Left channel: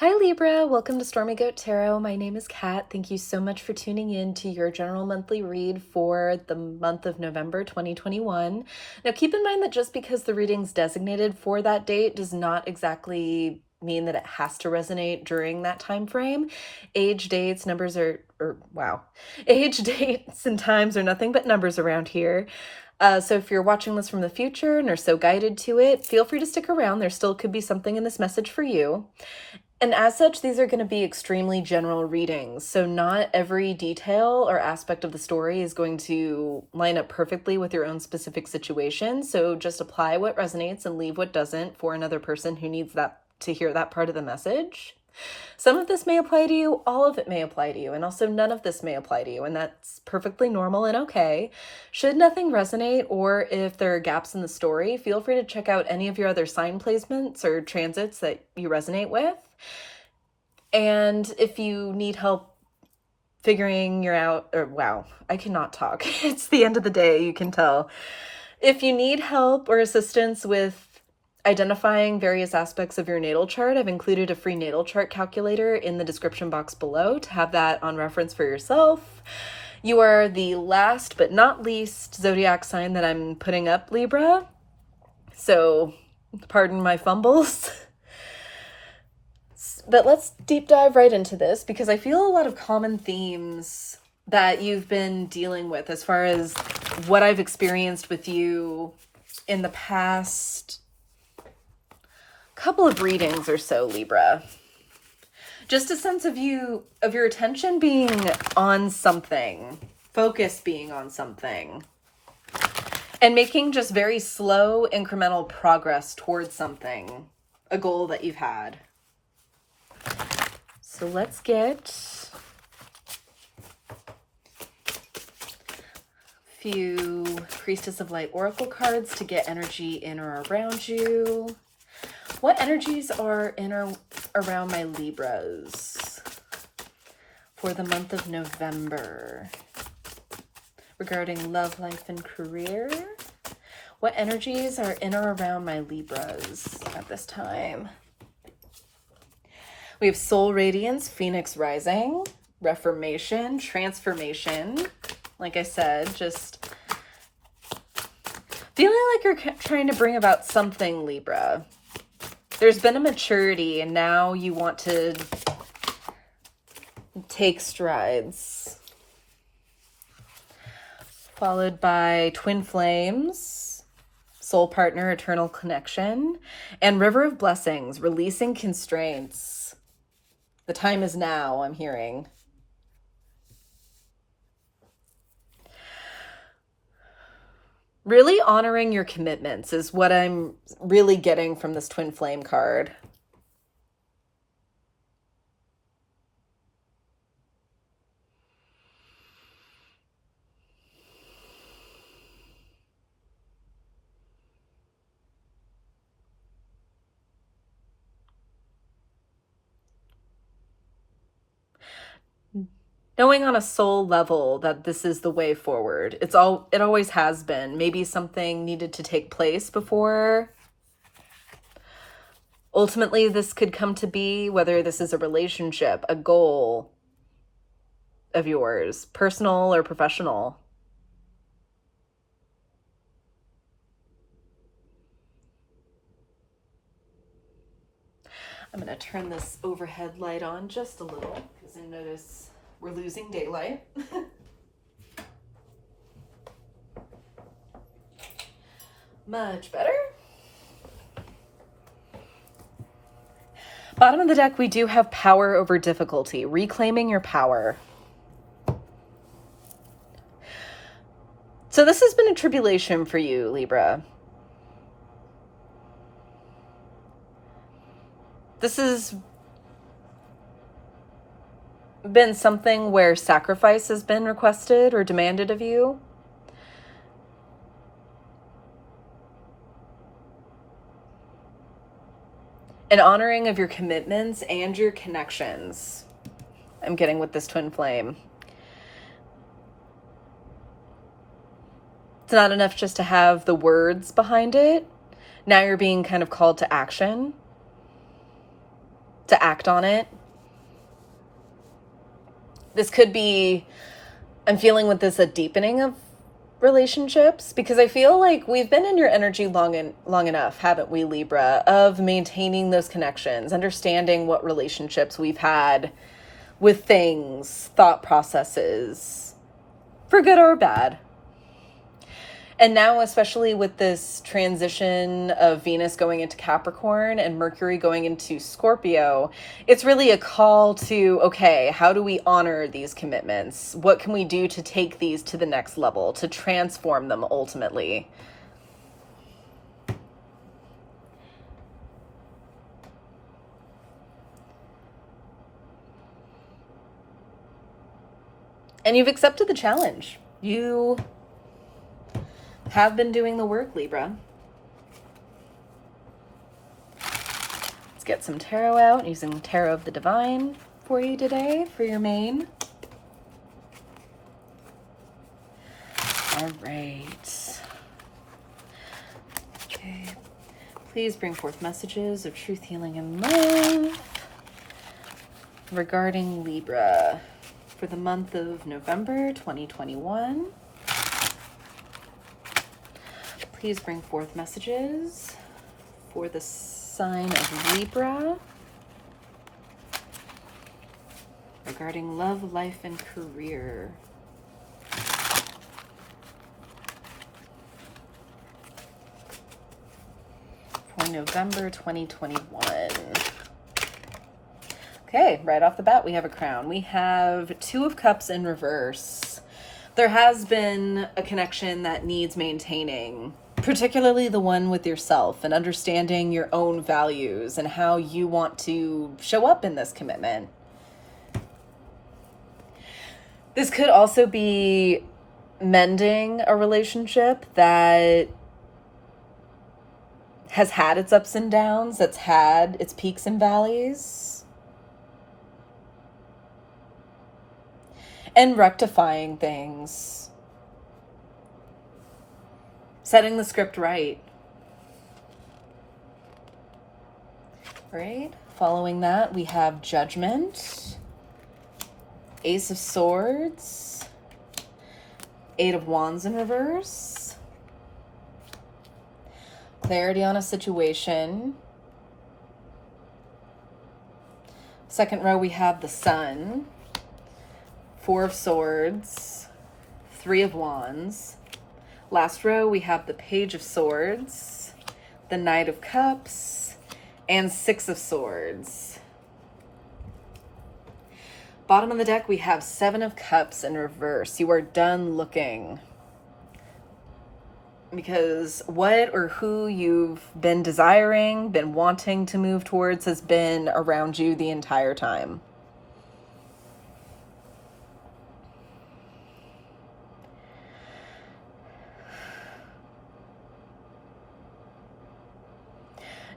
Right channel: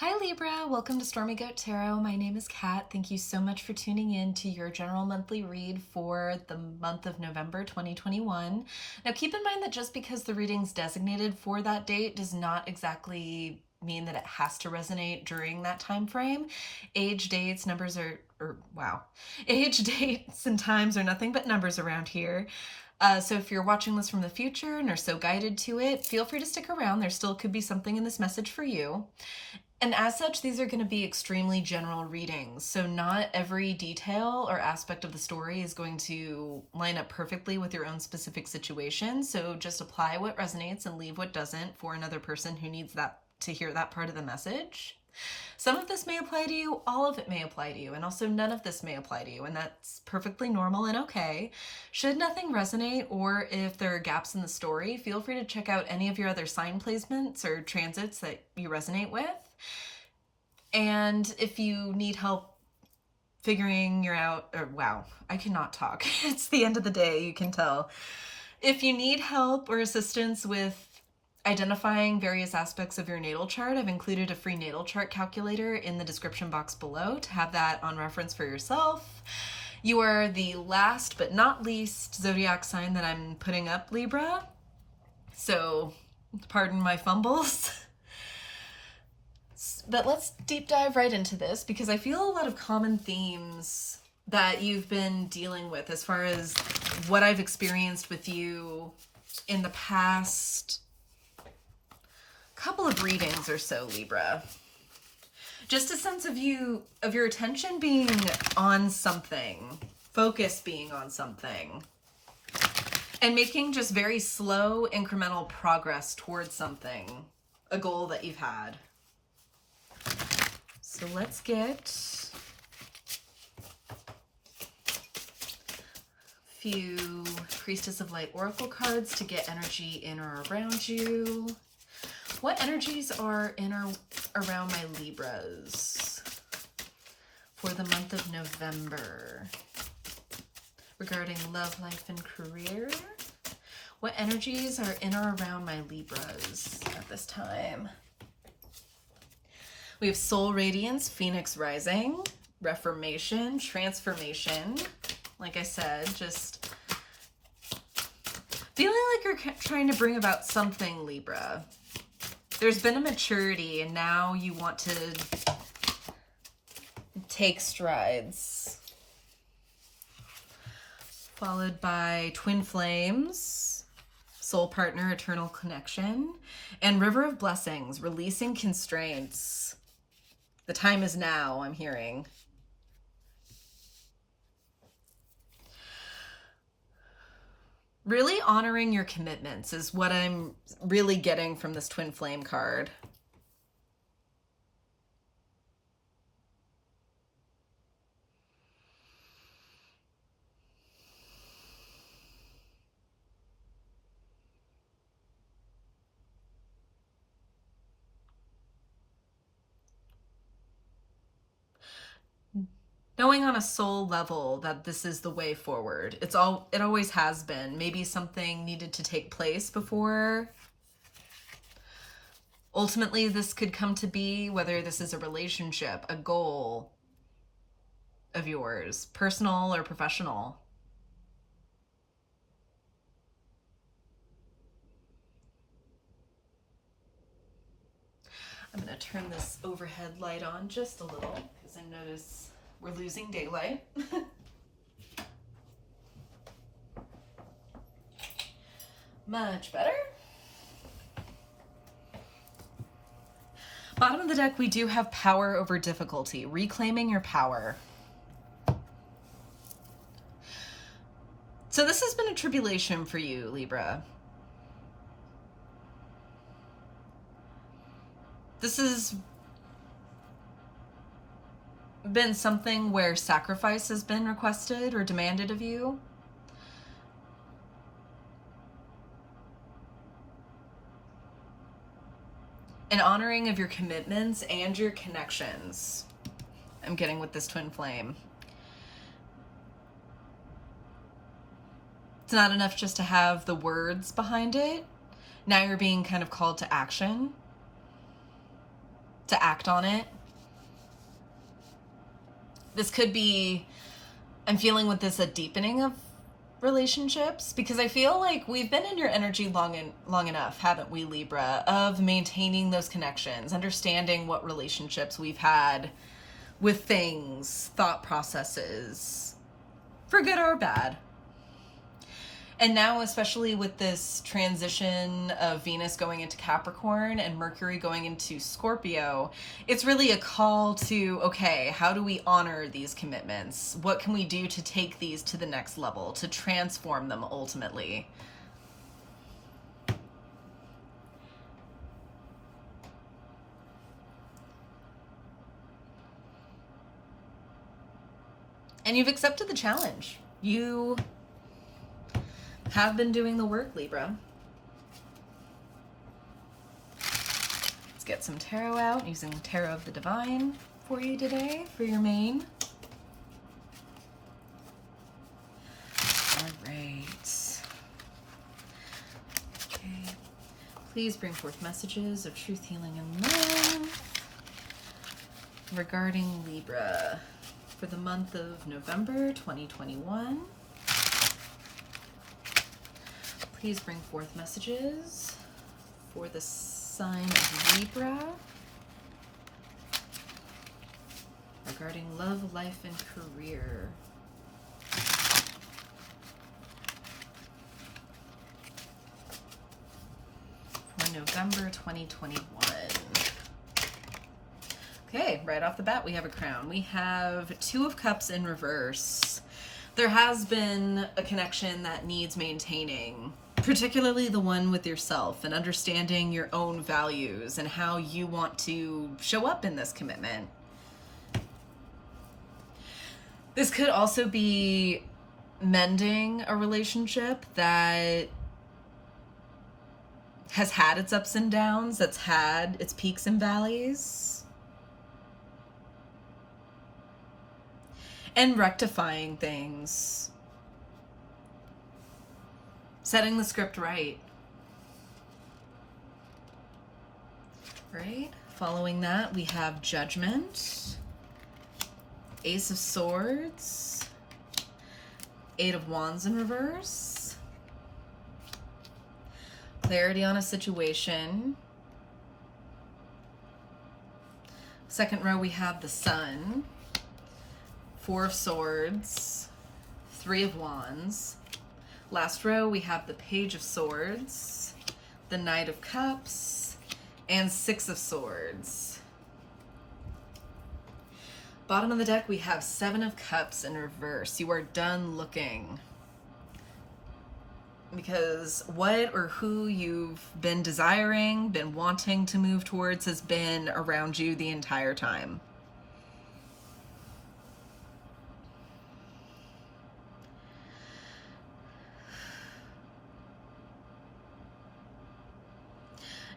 Hi Libra, welcome to Stormy Goat Tarot. My name is Kat. Thank you so much for tuning in to your general monthly read for the month of November 2021. Now keep in mind that just because the reading's designated for that date does not exactly mean that it has to resonate during that time frame. Age, dates, numbers age, dates, and times are nothing but numbers around here. So if you're watching this from the future and are so guided to it, feel free to stick around. There still could be something in this message for you. And as such, these are going to be extremely general readings. So not every detail or aspect of the story is going to line up perfectly with your own specific situation. So just apply what resonates and leave what doesn't for another person who needs that to hear that part of the message. Some of this may apply to you, all of it may apply to you, and also none of this may apply to you, and that's perfectly normal and okay. Should nothing resonate, or if there are gaps in the story, feel free to check out any of your other sign placements or transits that you resonate with. And if you need help figuring I cannot talk. It's the end of the day, you can tell. If you need help or assistance with identifying various aspects of your natal chart, I've included a free natal chart calculator in the description box below to have that on reference for yourself. You are the last but not least zodiac sign that I'm putting up, Libra. So pardon my fumbles. But let's deep dive right into this because I feel a lot of common themes that you've been dealing with as far as what I've experienced with you in the past couple of readings or so, Libra. Just a sense of your attention being on something, focus being on something, and making just very slow incremental progress towards something, a goal that you've had. So let's get a few Priestess of Light Oracle cards to get energy in or around you. What energies are in or around my Libras for the month of November regarding love, life, and career? What energies are in or around my Libras at this time? We have Soul Radiance, Phoenix Rising, Reformation, Transformation. Like I said, just feeling like you're trying to bring about something, Libra. There's been a maturity and now you want to take strides. Followed by Twin Flames, Soul Partner, Eternal Connection, and River of Blessings, Releasing Constraints. The time is now, I'm hearing. Really honoring your commitments is what I'm really getting from this Twin Flame card. Knowing on a soul level that this is the way forward. It always has been. Maybe something needed to take place before ultimately this could come to be, whether this is a relationship, a goal of yours, personal or professional. I'm going to turn this overhead light on just a little because I notice we're losing daylight. Much better. Bottom of the deck, we do have power over difficulty, reclaiming your power. So this has been a tribulation for you, Libra. This has been something where sacrifice has been requested or demanded of you. An honoring of your commitments and your connections. I'm getting with this Twin Flame. It's not enough just to have the words behind it. Now you're being kind of called to action. to act on it. This could be, I'm feeling with this, a deepening of relationships, because I feel like we've been in your energy long enough, haven't we, Libra, of maintaining those connections, understanding what relationships we've had with things, thought processes, for good or bad. And now, especially with this transition of Venus going into Capricorn and Mercury going into Scorpio, it's really a call to, okay, how do we honor these commitments? What can we do to take these to the next level, to transform them ultimately? And you've accepted the challenge. You have been doing the work, Libra. Let's get some tarot out, using Tarot of the Divine for you today, for your main. All right. Okay. Please bring forth messages of truth, healing, and love regarding Libra for the month of November 2021. Please bring forth messages for the sign of Libra regarding love, life, and career. For November 2021. Okay, right off the bat, we have a crown. We have Two of Cups in reverse. There has been a connection that needs maintaining, particularly the one with yourself, and understanding your own values and how you want to show up in this commitment. This could also be mending a relationship that has had its ups and downs, that's had its peaks and valleys, and rectifying things. Setting the script right. Right? Following that, we have Judgment, Ace of Swords, Eight of Wands in reverse, clarity on a situation. Second row, we have the Sun, Four of Swords, Three of Wands. Last row, we have the Page of Swords, the Knight of Cups, and Six of Swords. Bottom of the deck, we have Seven of Cups in reverse. You are done looking, because what or who you've been desiring, been wanting to move towards, has been around you the entire time.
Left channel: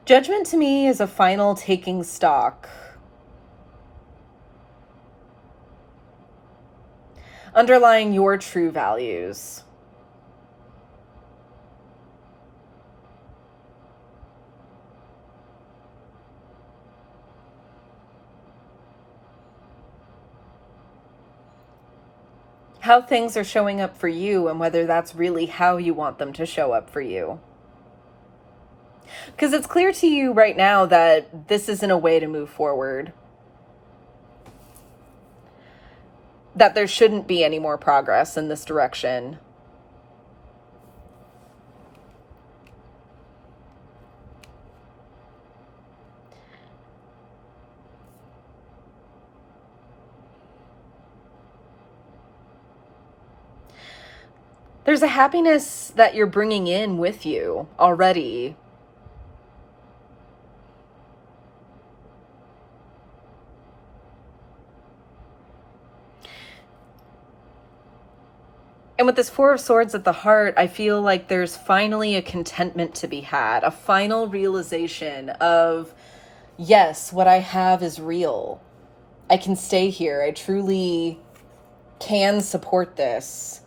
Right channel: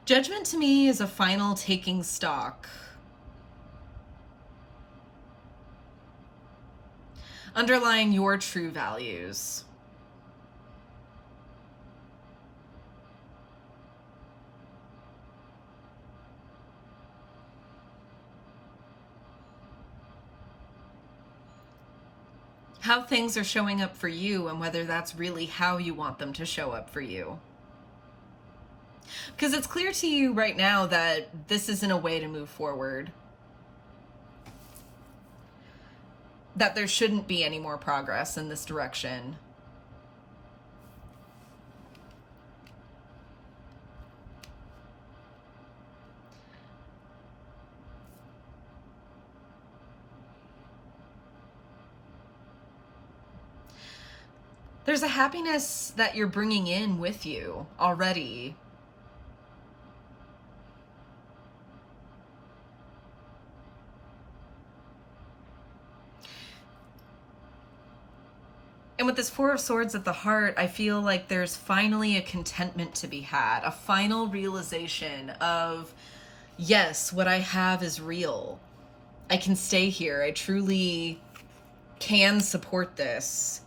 Judgment to me is a final taking stock. Underlying your true values. How things are showing up for you, and whether that's really how you want them to show up for you. Because it's clear to you right now that this isn't a way to move forward. That there shouldn't be any more progress in this direction. There's a happiness that you're bringing in with you already. And with this Four of Swords at the heart, I feel like there's finally a contentment to be had, a final realization of, yes, what I have is real. I can stay here. I truly can support this.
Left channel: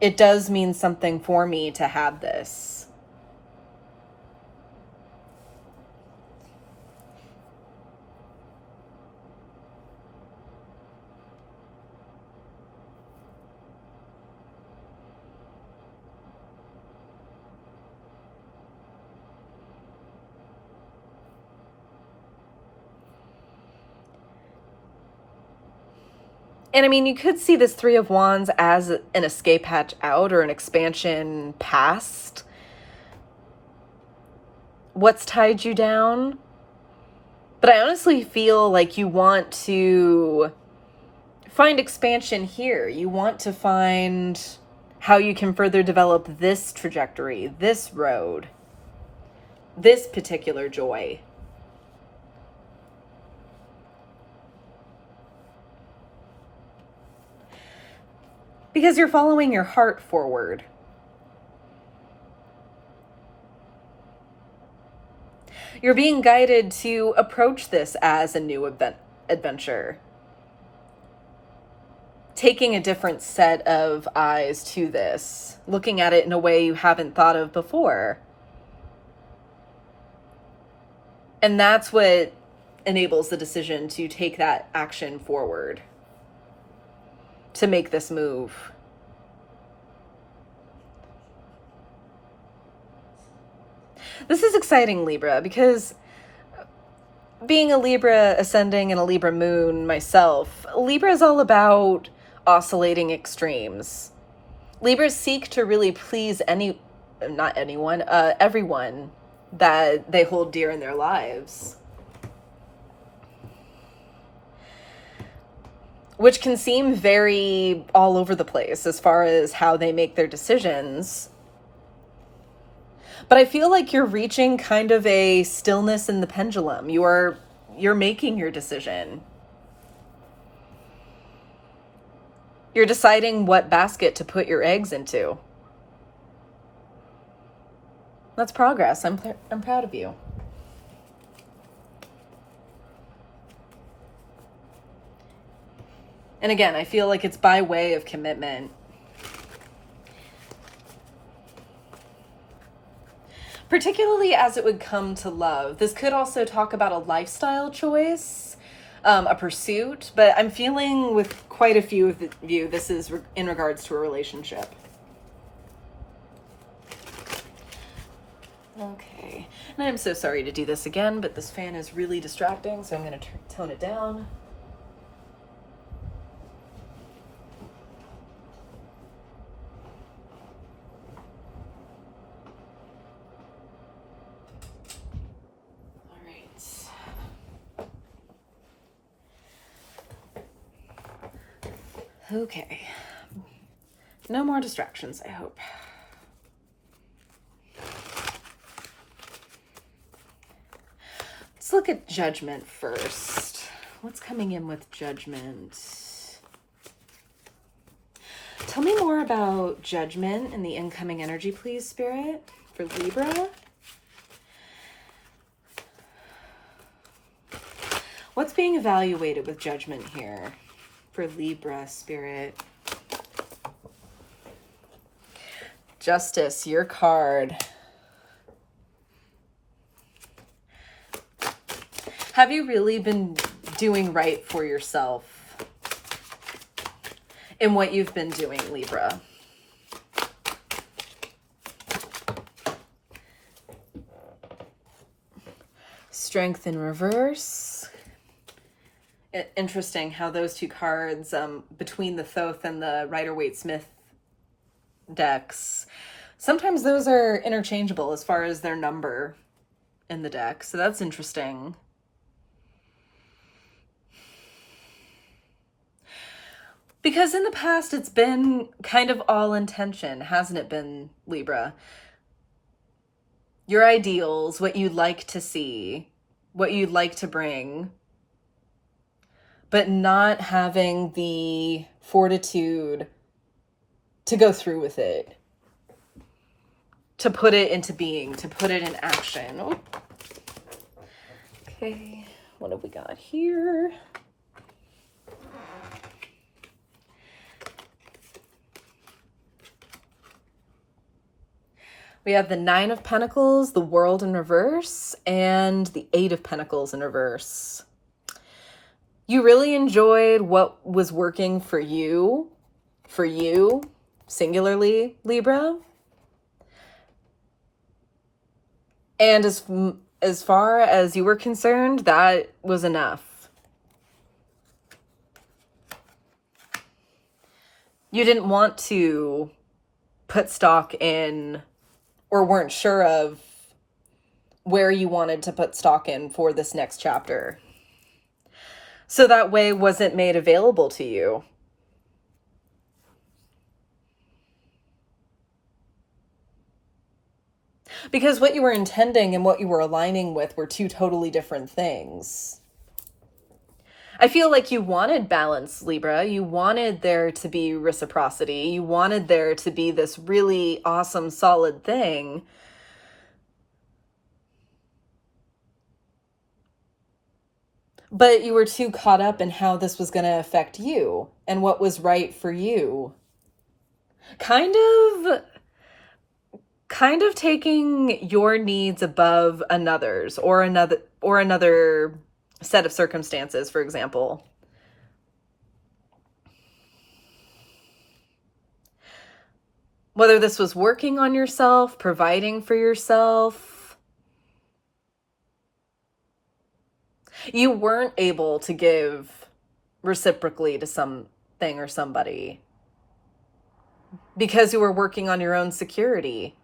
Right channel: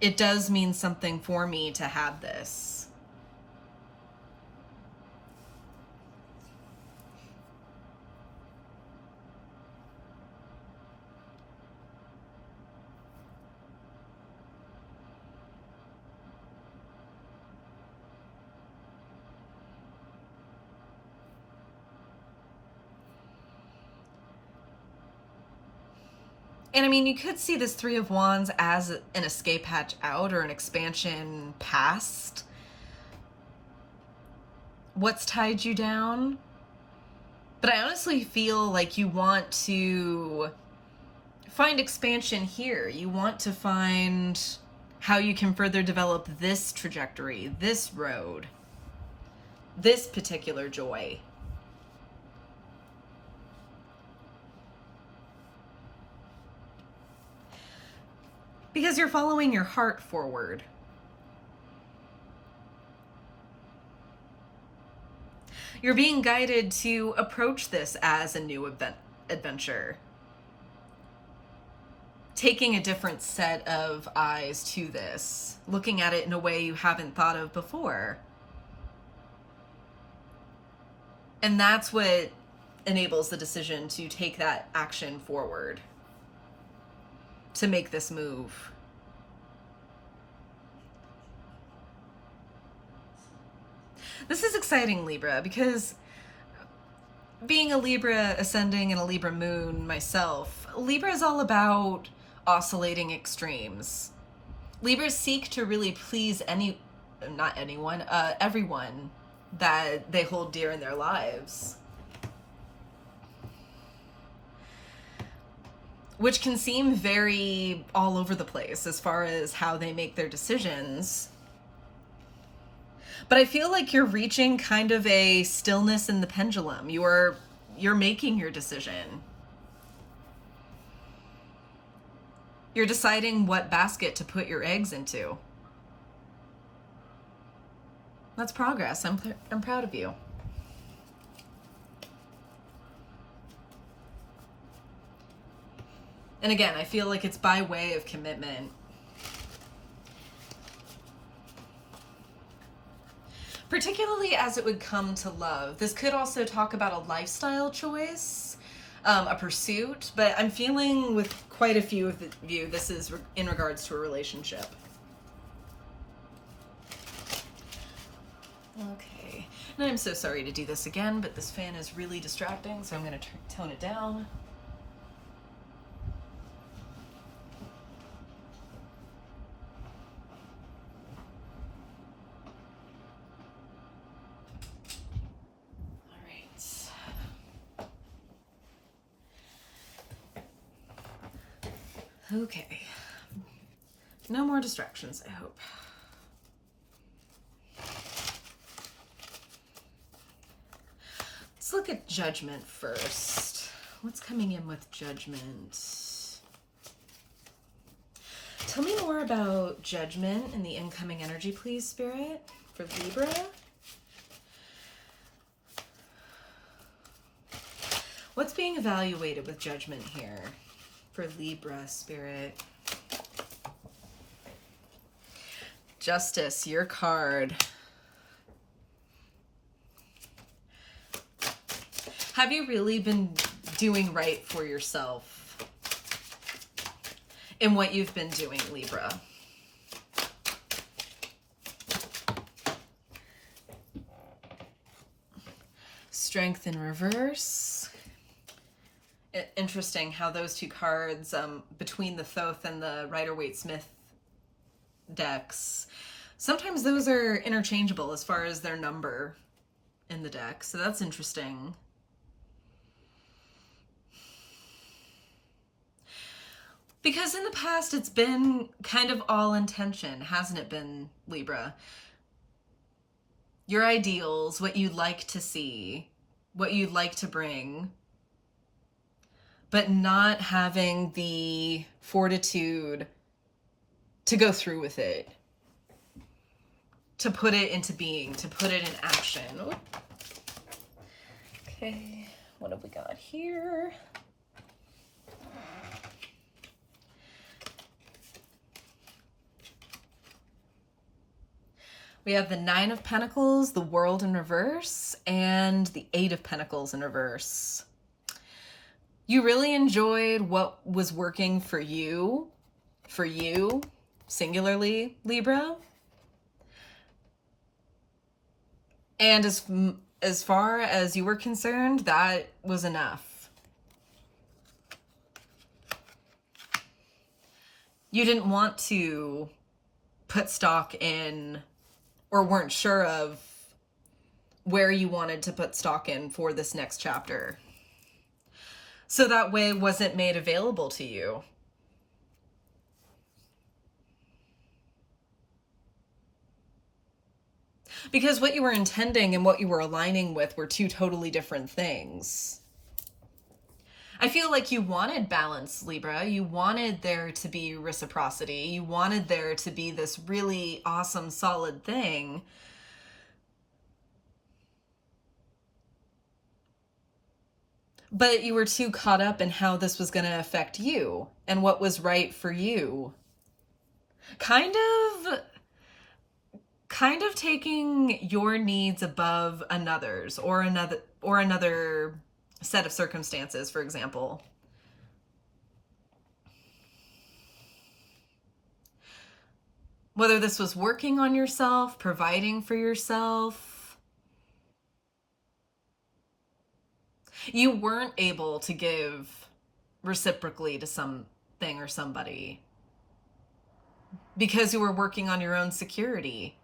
It does mean something for me to have this. And I mean, you could see this Three of Wands as an escape hatch out or an expansion past what's tied you down. But I honestly feel like you want to find expansion here. You want to find how you can further develop this trajectory, this road, this particular joy. Because you're following your heart forward. You're being guided to approach this as a new adventure. Taking a different set of eyes to this, looking at it in a way you haven't thought of before. And that's what enables the decision to take that action forward, to make this move. This is exciting, Libra, because being a Libra ascending and a Libra moon myself, Libra is all about oscillating extremes. Libras seek to really please everyone that they hold dear in their lives. Which can seem very all over the place as far as how they make their decisions. But I feel like you're reaching kind of a stillness in the pendulum. You're making your decision. You're deciding what basket to put your eggs into. That's progress. I'm proud of you. And again, I feel like it's by way of commitment. Particularly as it would come to love. This could also talk about a lifestyle choice, a pursuit, but I'm feeling with quite a few of you, this is in regards to a relationship. Okay, and I'm so sorry to do this again, but this fan is really distracting, so I'm going to tone it down. Okay. No more distractions, I hope. Let's look at Judgment first. What's coming in with Judgment? Tell me more about Judgment and the incoming energy, please, Spirit, for Libra. What's being evaluated with Judgment here for Libra, Spirit? Justice, your card. Have you really been doing right for yourself in what you've been doing, Libra? Strength in reverse. Interesting how those two cards, between the Thoth and the Rider-Waite-Smith decks, sometimes those are interchangeable as far as their number in the deck. So that's interesting. Because in the past, it's been kind of all intention, hasn't it been, Libra? Your ideals, what you'd like to see, what you'd like to bring, but not having the fortitude to go through with it, to put it into being, to put it in action. Oh. Okay, what have we got here? We have the Nine of Pentacles, the World in reverse, and the Eight of Pentacles in reverse. You really enjoyed what was working for you, singularly, Libra. And as far as you were concerned, that was enough. You didn't want to put stock in, or weren't sure of where you wanted to put stock in for this next chapter. So that way wasn't made available to you. Because what you were intending and what you were aligning with were two totally different things. I feel like you wanted balance, Libra. You wanted there to be reciprocity. You wanted there to be this really awesome, solid thing. But you were too caught up in how this was going to affect you and what was right for you. Kind of taking your needs above another's, or another set of circumstances, for example. Whether this was working on yourself, providing for yourself, you weren't able to give reciprocally to something or somebody because you were working on your own security.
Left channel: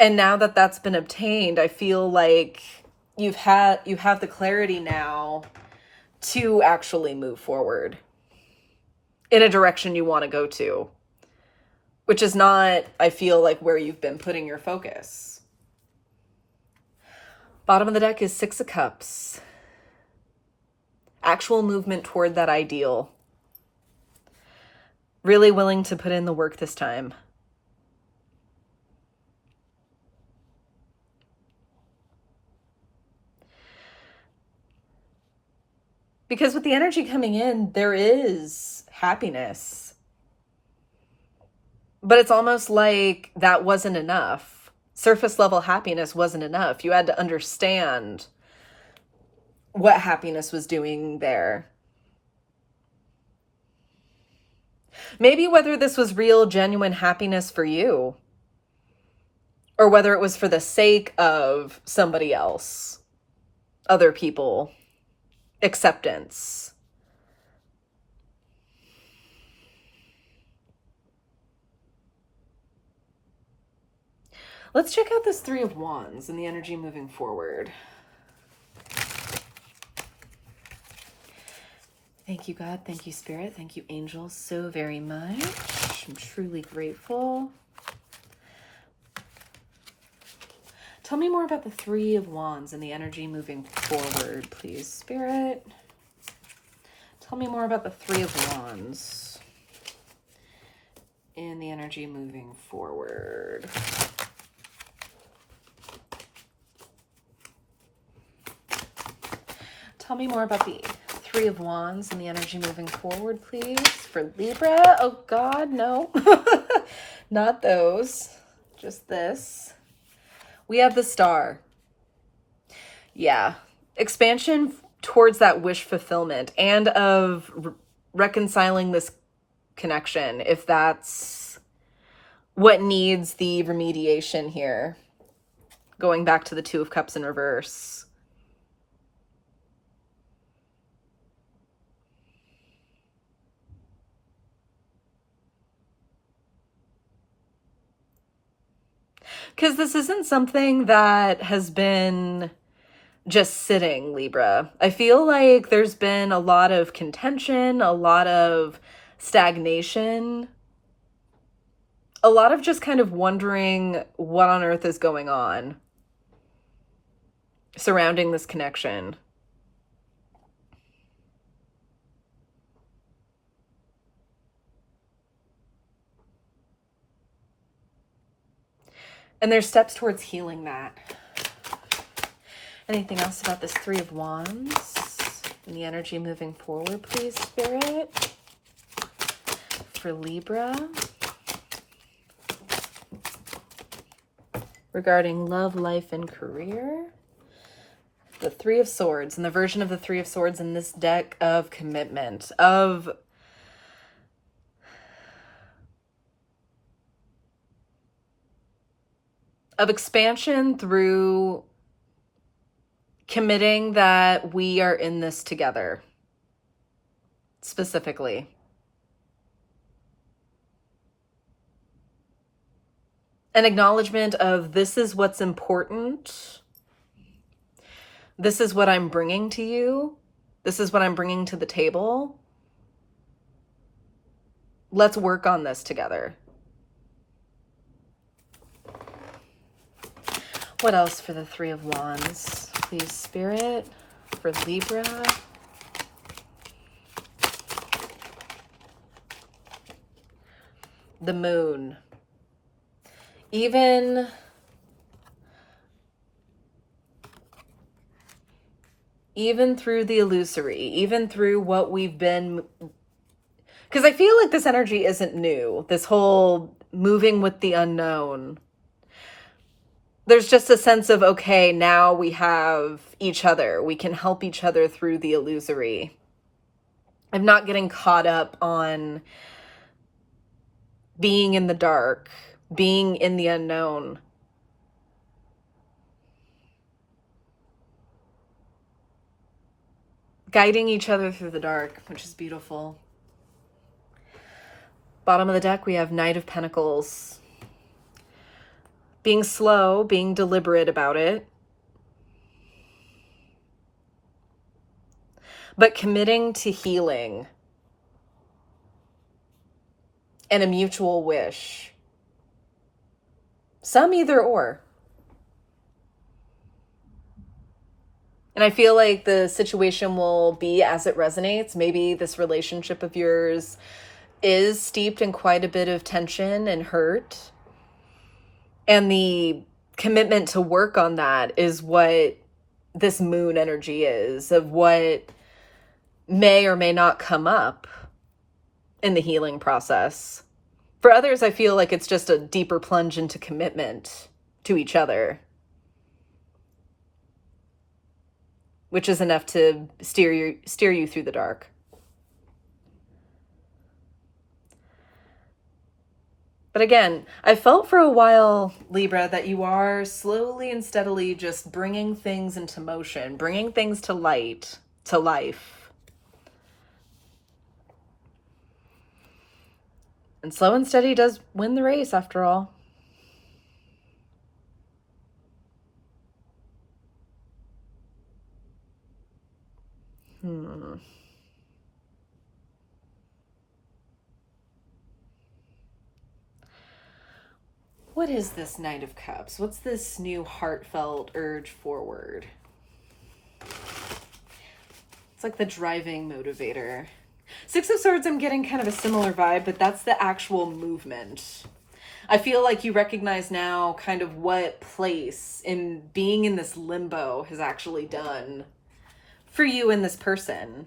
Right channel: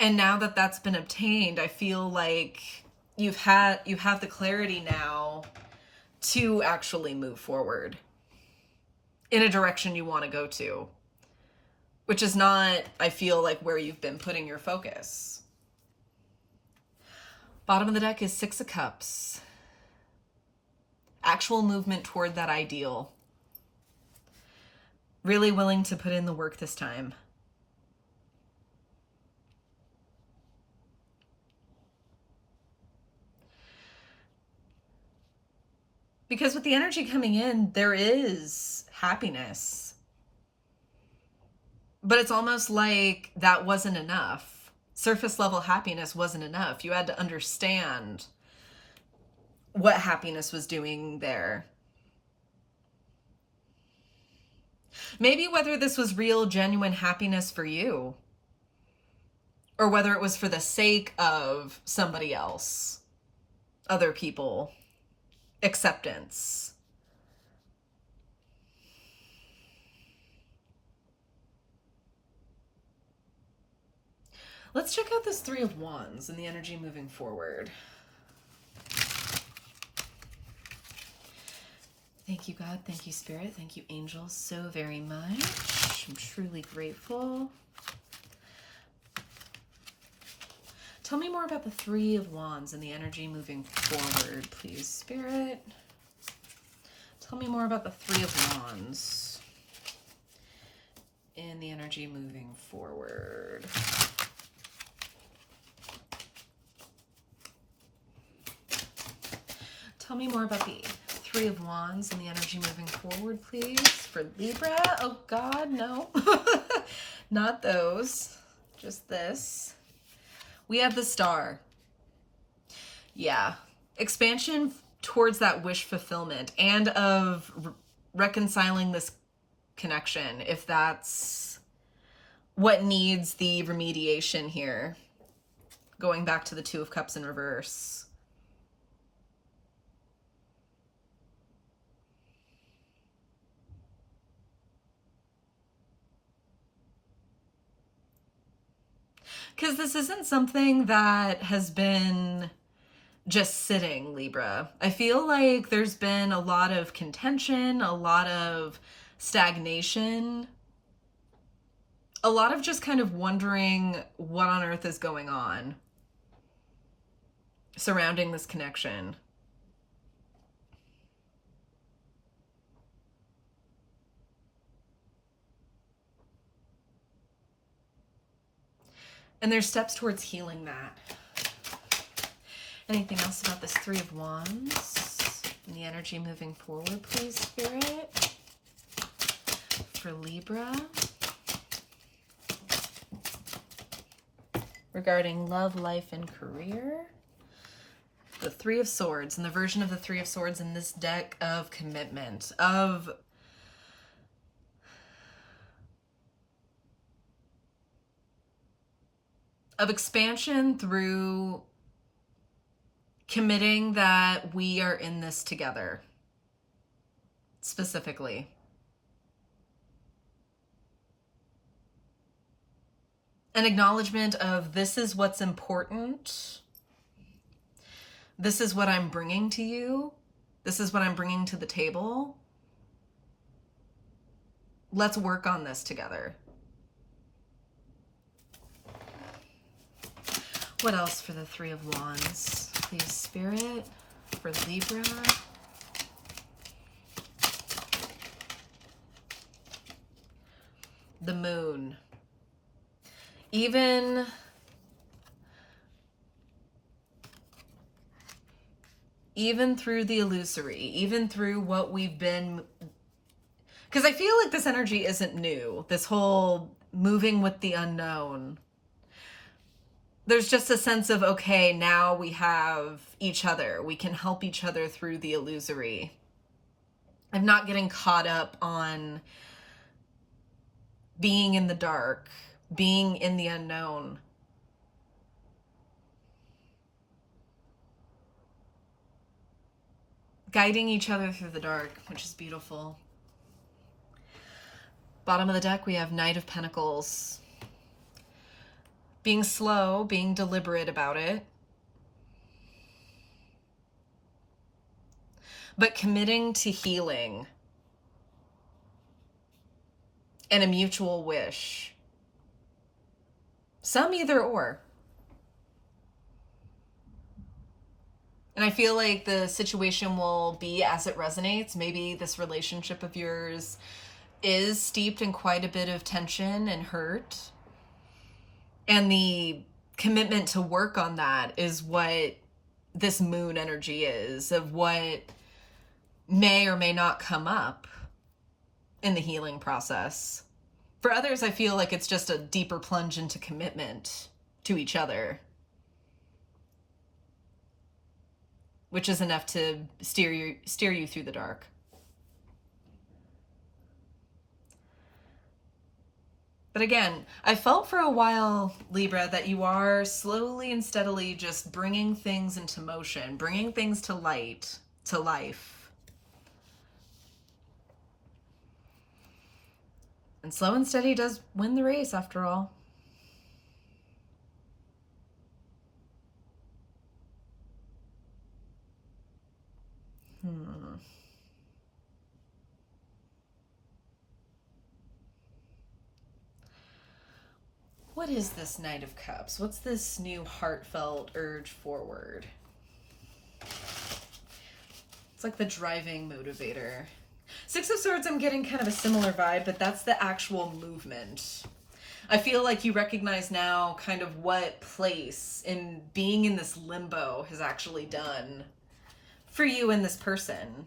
And now that that's been obtained, I feel like you have the clarity now to actually move forward in a direction you want to go to, which is not, I feel like, where you've been putting your focus. Bottom of the deck is Six of Cups. Actual movement toward that ideal. Really willing to put in the work this time. Because with the energy coming in, there is happiness. But it's almost like that wasn't enough. Surface level happiness wasn't enough. You had to understand what happiness was doing there. Maybe whether this was real, genuine happiness for you, or whether it was for the sake of somebody else, other people, acceptance. Let's check out this Three of Wands and the energy moving forward. Thank you, God. Thank you, Spirit. Thank you, angels, so very much. I'm truly grateful. Tell me more about the Three of Wands and the energy moving forward, please, Spirit. Tell me more about the Three of Wands and the energy moving forward. Tell me more about the Three of Wands and the energy moving forward, please, for Libra. Oh, God, no. Not those. Just this. We have the Star. Yeah. Expansion towards that wish fulfillment and of reconciling this connection, if that's what needs the remediation here. Going back to the Two of Cups in reverse. Because this isn't something that has been just sitting, Libra. I feel like there's been a lot of contention, a lot of stagnation, a lot of just kind of wondering what on earth is going on surrounding this connection. And there's steps towards healing that. Anything else about this Three of Wands and the energy moving forward, please, Spirit? For Libra. Regarding love, life, and career. The Three of Swords and the version of the Three of Swords in this deck of commitment, of expansion through committing that we are in this together, specifically. An acknowledgement of this is what's important. This is what I'm bringing to you. This is what I'm bringing to the table. Let's work on this together. What else for the Three of Wands? Please, Spirit, for Libra. The Moon. Even through the illusory, even through what we've been, because I feel like this energy isn't new, this whole moving with the unknown. There's just a sense of, okay, now we have each other. We can help each other through the illusory. I'm not getting caught up on being in the dark, being in the unknown. Guiding each other through the dark, which is beautiful. Bottom of the deck, we have Knight of Pentacles. Being slow, being deliberate about it. But committing to healing. And a mutual wish. Some either or. And I feel like the situation will be as it resonates. Maybe this relationship of yours is steeped in quite a bit of tension and hurt. And the commitment to work on that is what this moon energy is, of what may or may not come up in the healing process. For others, I feel like it's just a deeper plunge into commitment to each other, which is enough to steer you through the dark. But again, I felt for a while, Libra, that you are slowly and steadily just bringing things into motion, bringing things to light, to life. And slow and steady does win the race, after all. What is this Knight of Cups? What's this new heartfelt urge forward? It's like the driving motivator. Six of Swords, I'm getting kind of a similar vibe, but that's the actual movement. I feel like you recognize now kind of what place in being in this limbo has actually done for you and this person.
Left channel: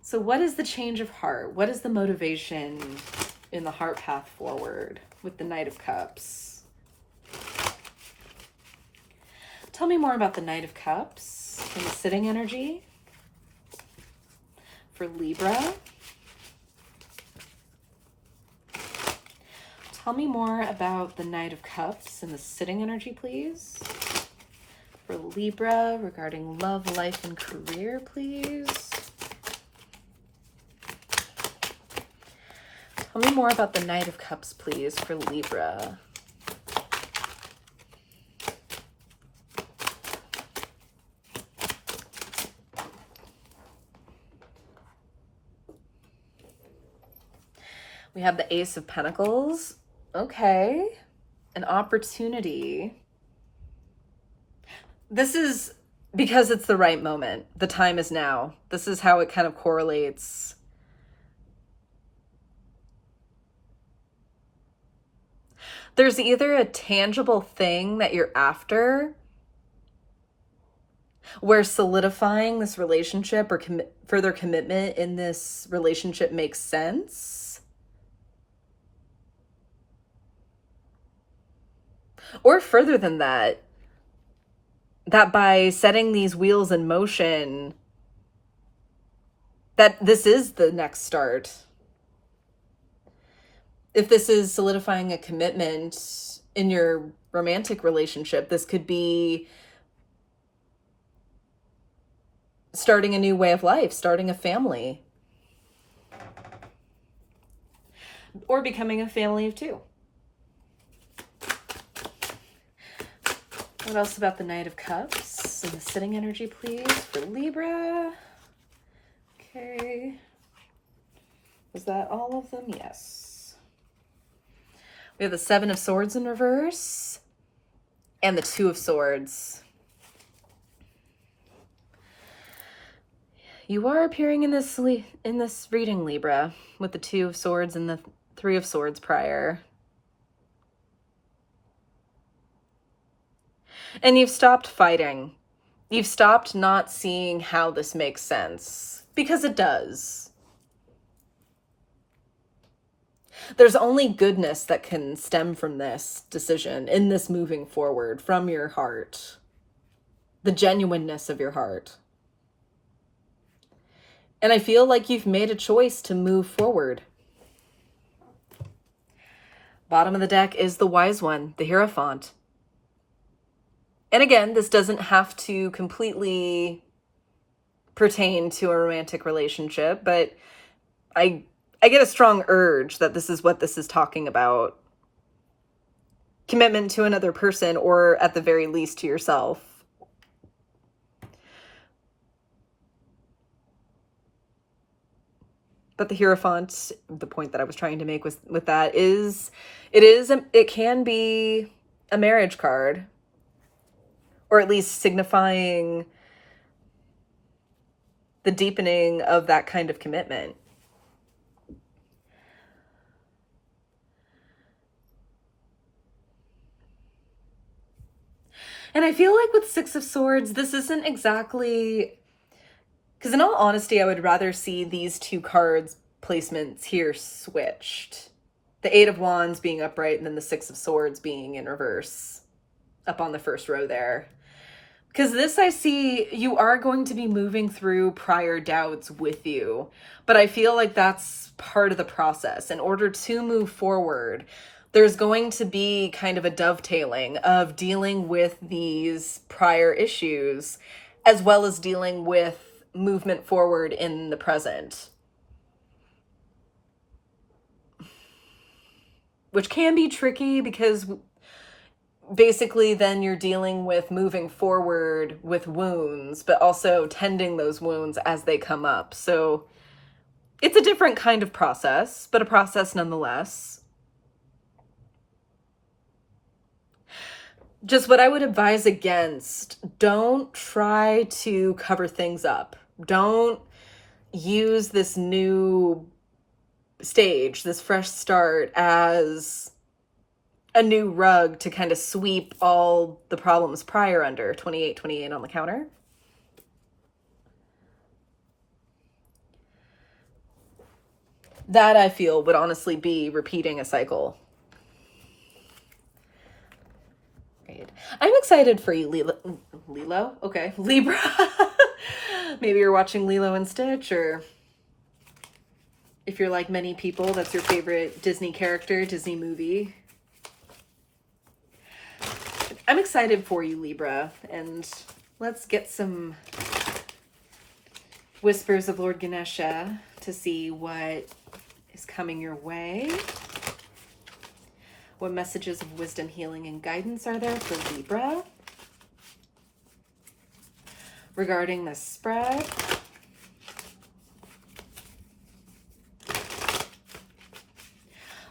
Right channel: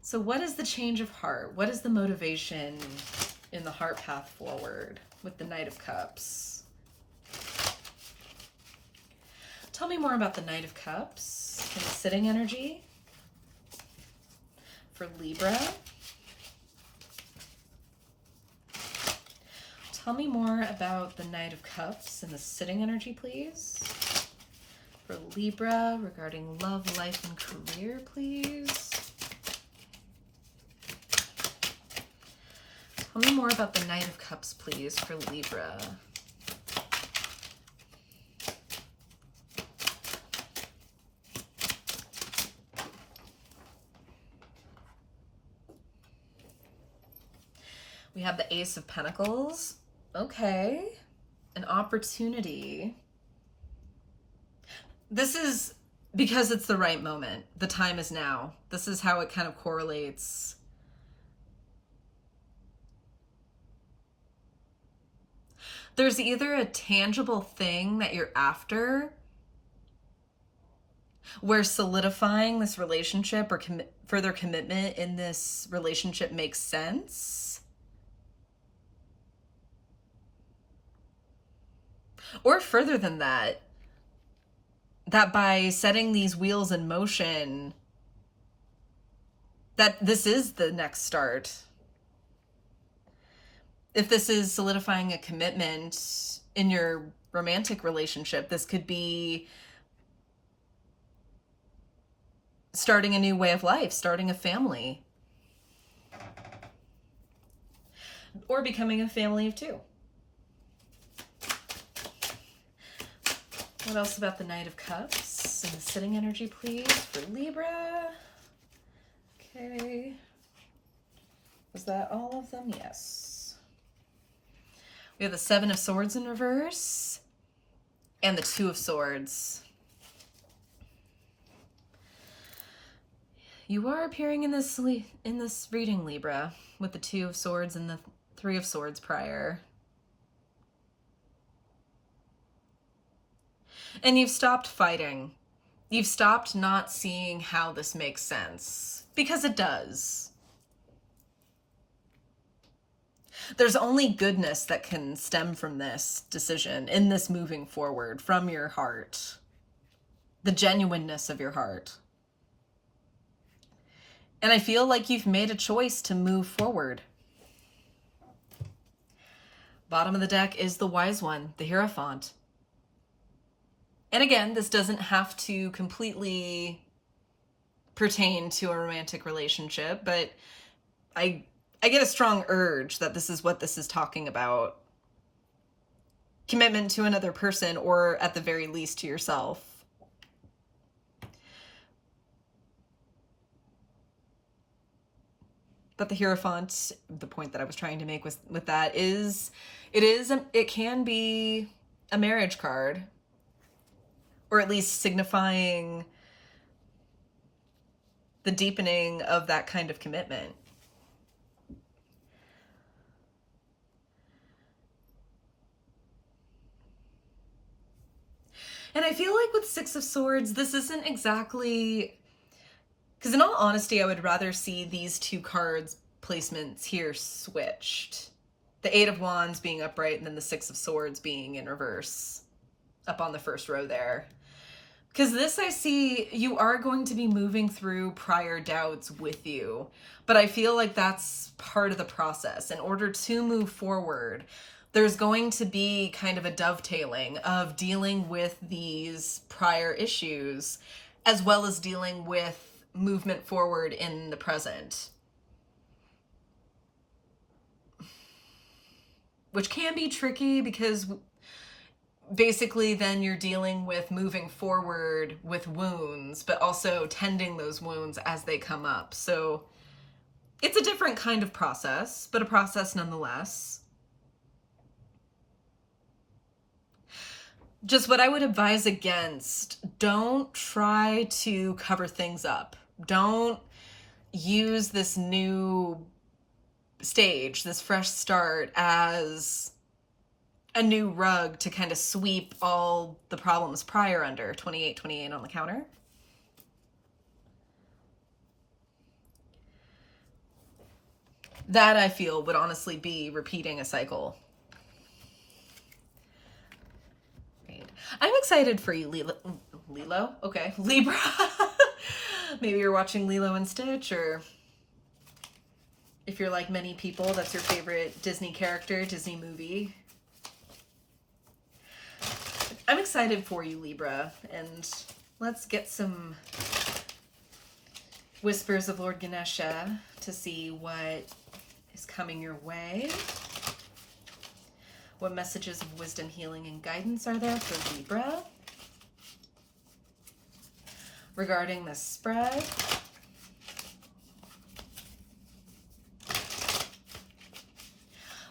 So what is the change of heart? What is the motivation in the heart path forward with the Knight of Cups? Tell me more about the Knight of Cups and the sitting energy for Libra. Tell me more about the Knight of Cups and the sitting energy, please. For Libra, regarding love, life, and career, please. Tell me more about the Knight of Cups, please, for Libra. We have the Ace of Pentacles. Okay. An opportunity. This is because it's the right moment. The time is now. This is how it kind of correlates. There's either a tangible thing that you're after, where solidifying this relationship or further commitment in this relationship makes sense. Or further than that, that by setting these wheels in motion, that this is the next start. If this is solidifying a commitment in your romantic relationship, this could be starting a new way of life, starting a family, or becoming a family of two. What else about the Knight of Cups and the sitting energy, please, for Libra? Okay. Was that all of them? Yes. We have the Seven of Swords in reverse and the Two of Swords. You are appearing in this reading, Libra, with the Two of Swords and the Three of Swords prior. And you've stopped fighting. You've stopped not seeing how this makes sense, because it does. There's only goodness that can stem from this decision, in this moving forward, from your heart. The genuineness of your heart. And I feel like you've made a choice to move forward. Bottom of the deck is the Wise One, the Hierophant. And again, this doesn't have to completely pertain to a romantic relationship, but I get a strong urge that this is what this is talking about. Commitment to another person, or at the very least to yourself. But the Hierophant, the point that I was trying to make with that is, it can be a marriage card, or at least signifying the deepening of that kind of commitment. And I feel like with Six of Swords, this isn't exactly... Because in all honesty, I would rather see these two cards placements here switched. The Eight of Wands being upright and then the Six of Swords being in reverse up on the first row there. Because this, I see you are going to be moving through prior doubts with you. But I feel like that's part of the process. In order to move forward, there's going to be kind of a dovetailing of dealing with these prior issues, as well as dealing with movement forward in the present. Which can be tricky, because basically then you're dealing with moving forward with wounds, but also tending those wounds as they come up. So it's a different kind of process, but a process nonetheless. Just what I would advise against, don't try to cover things up. Don't use this new stage, this fresh start, as a new rug to kind of sweep all the problems prior under. 28 on the counter. That, I feel, would honestly be repeating a cycle. I'm excited for you, Lilo? Okay, Libra. Maybe you're watching Lilo and Stitch, or if you're like many people, that's your favorite Disney character, Disney movie. I'm excited for you, Libra, and let's get some whispers of Lord Ganesha to see what is coming your way. What messages of wisdom, healing, and guidance are there for Libra regarding the spread?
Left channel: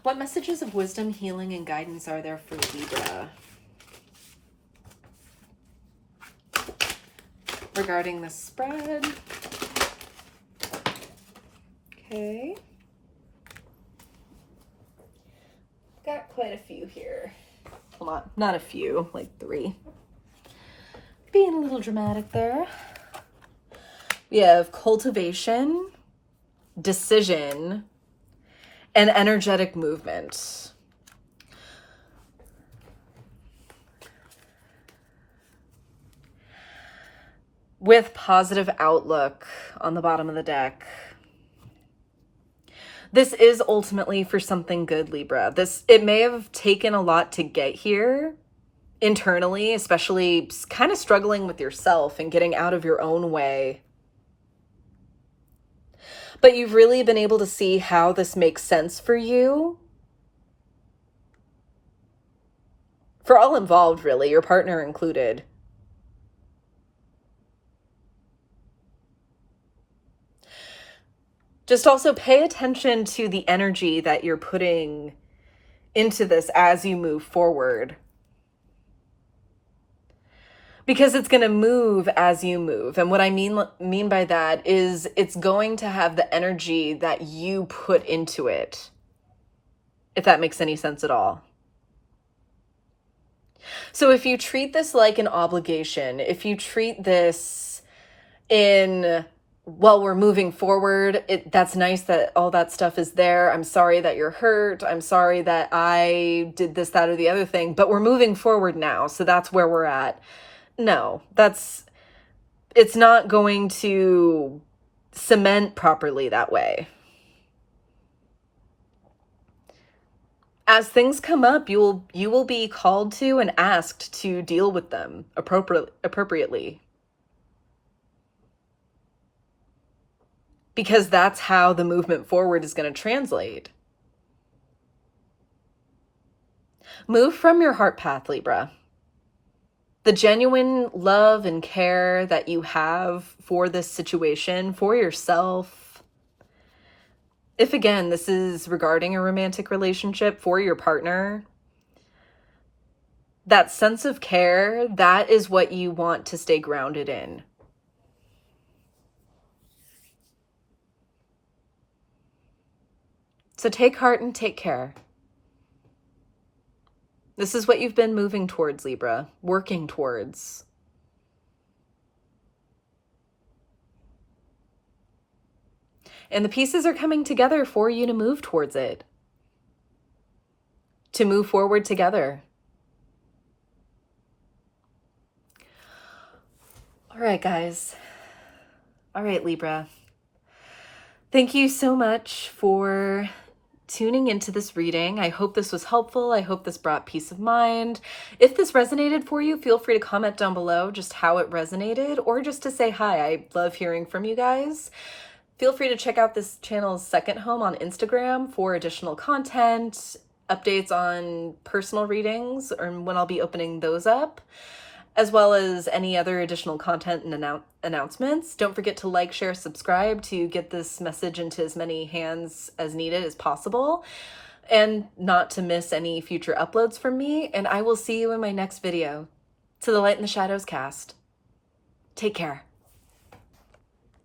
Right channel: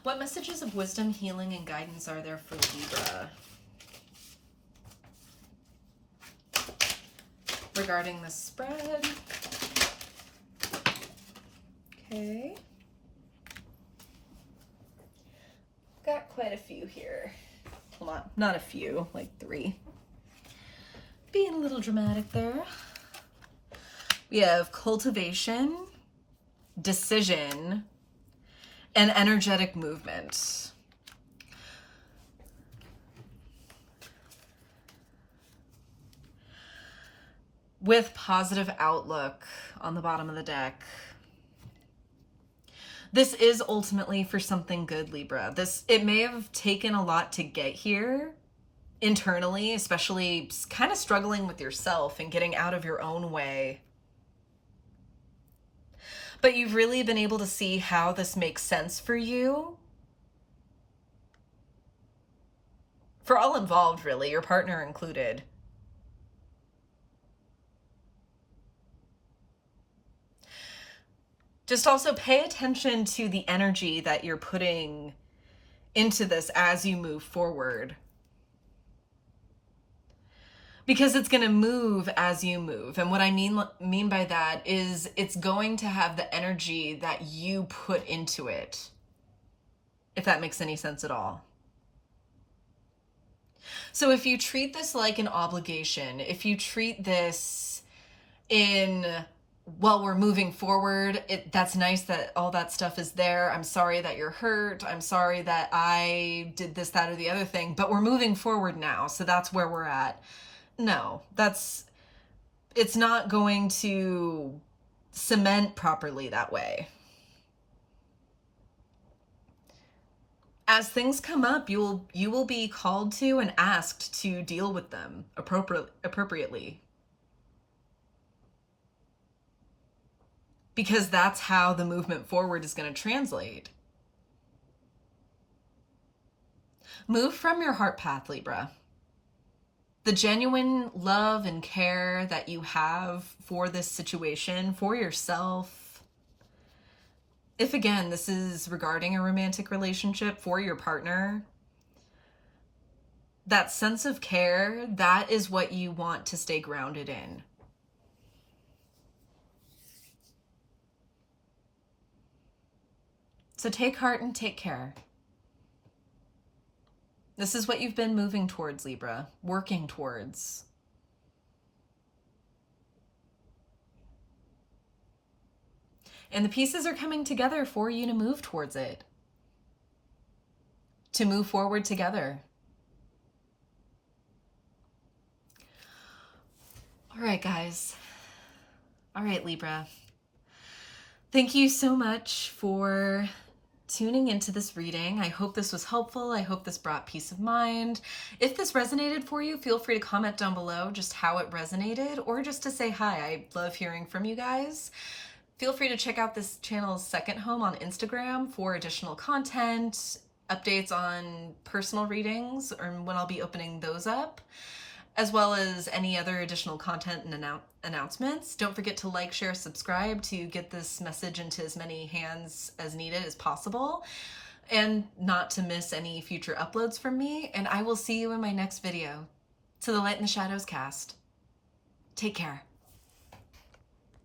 What messages of wisdom, healing, and guidance are there for Libra regarding the spread? Okay. Got quite a few here. Well, not a few, like 3. Being a little dramatic there. We have cultivation, decision, and energetic movement. With positive outlook on the bottom of the deck. This is ultimately for something good, Libra. It may have taken a lot to get here internally, especially kind of struggling with yourself and getting out of your own way. But you've really been able to see how this makes sense for you. For all involved, really, your partner included. Just also pay attention to the energy that you're putting into this as you move forward. Because it's going to move as you move. And what I mean by that is it's going to have the energy that you put into it. If that makes any sense at all. So if you treat this like an obligation, if you treat this in, well, we're moving forward, that's nice that all that stuff is there. I'm sorry that you're hurt. I'm sorry that I did this, that, or the other thing, but we're moving forward now. So that's where we're at. No, it's not going to cement properly that way. As things come up, you will be called to and asked to deal with them appropriately. Because that's how the movement forward is going to translate. Move from your heart path, Libra. The genuine love and care that you have for this situation, for yourself. If again, this is regarding a romantic relationship for your partner, that sense of care, that is what you want to stay grounded in. So take heart and take care. This is what you've been moving towards, Libra, working towards. And the pieces are coming together for you to move towards it, to move forward together. All right, guys. All right, Libra. Thank you so much for tuning into this reading. I hope this was helpful. I hope this brought peace of mind. If this resonated for you, feel free to comment down below just how it resonated, or just to say hi. I love hearing from you guys. Feel free to check out this channel's second home on Instagram for additional content, updates on personal readings, or when I'll be opening those up, as well as any other additional content and announcements. Don't forget to like, share, subscribe to get this message into as many hands as needed as possible, and not to miss any future uploads from me. And I will see you in my next video. To the Light and the Shadows cast. Take care.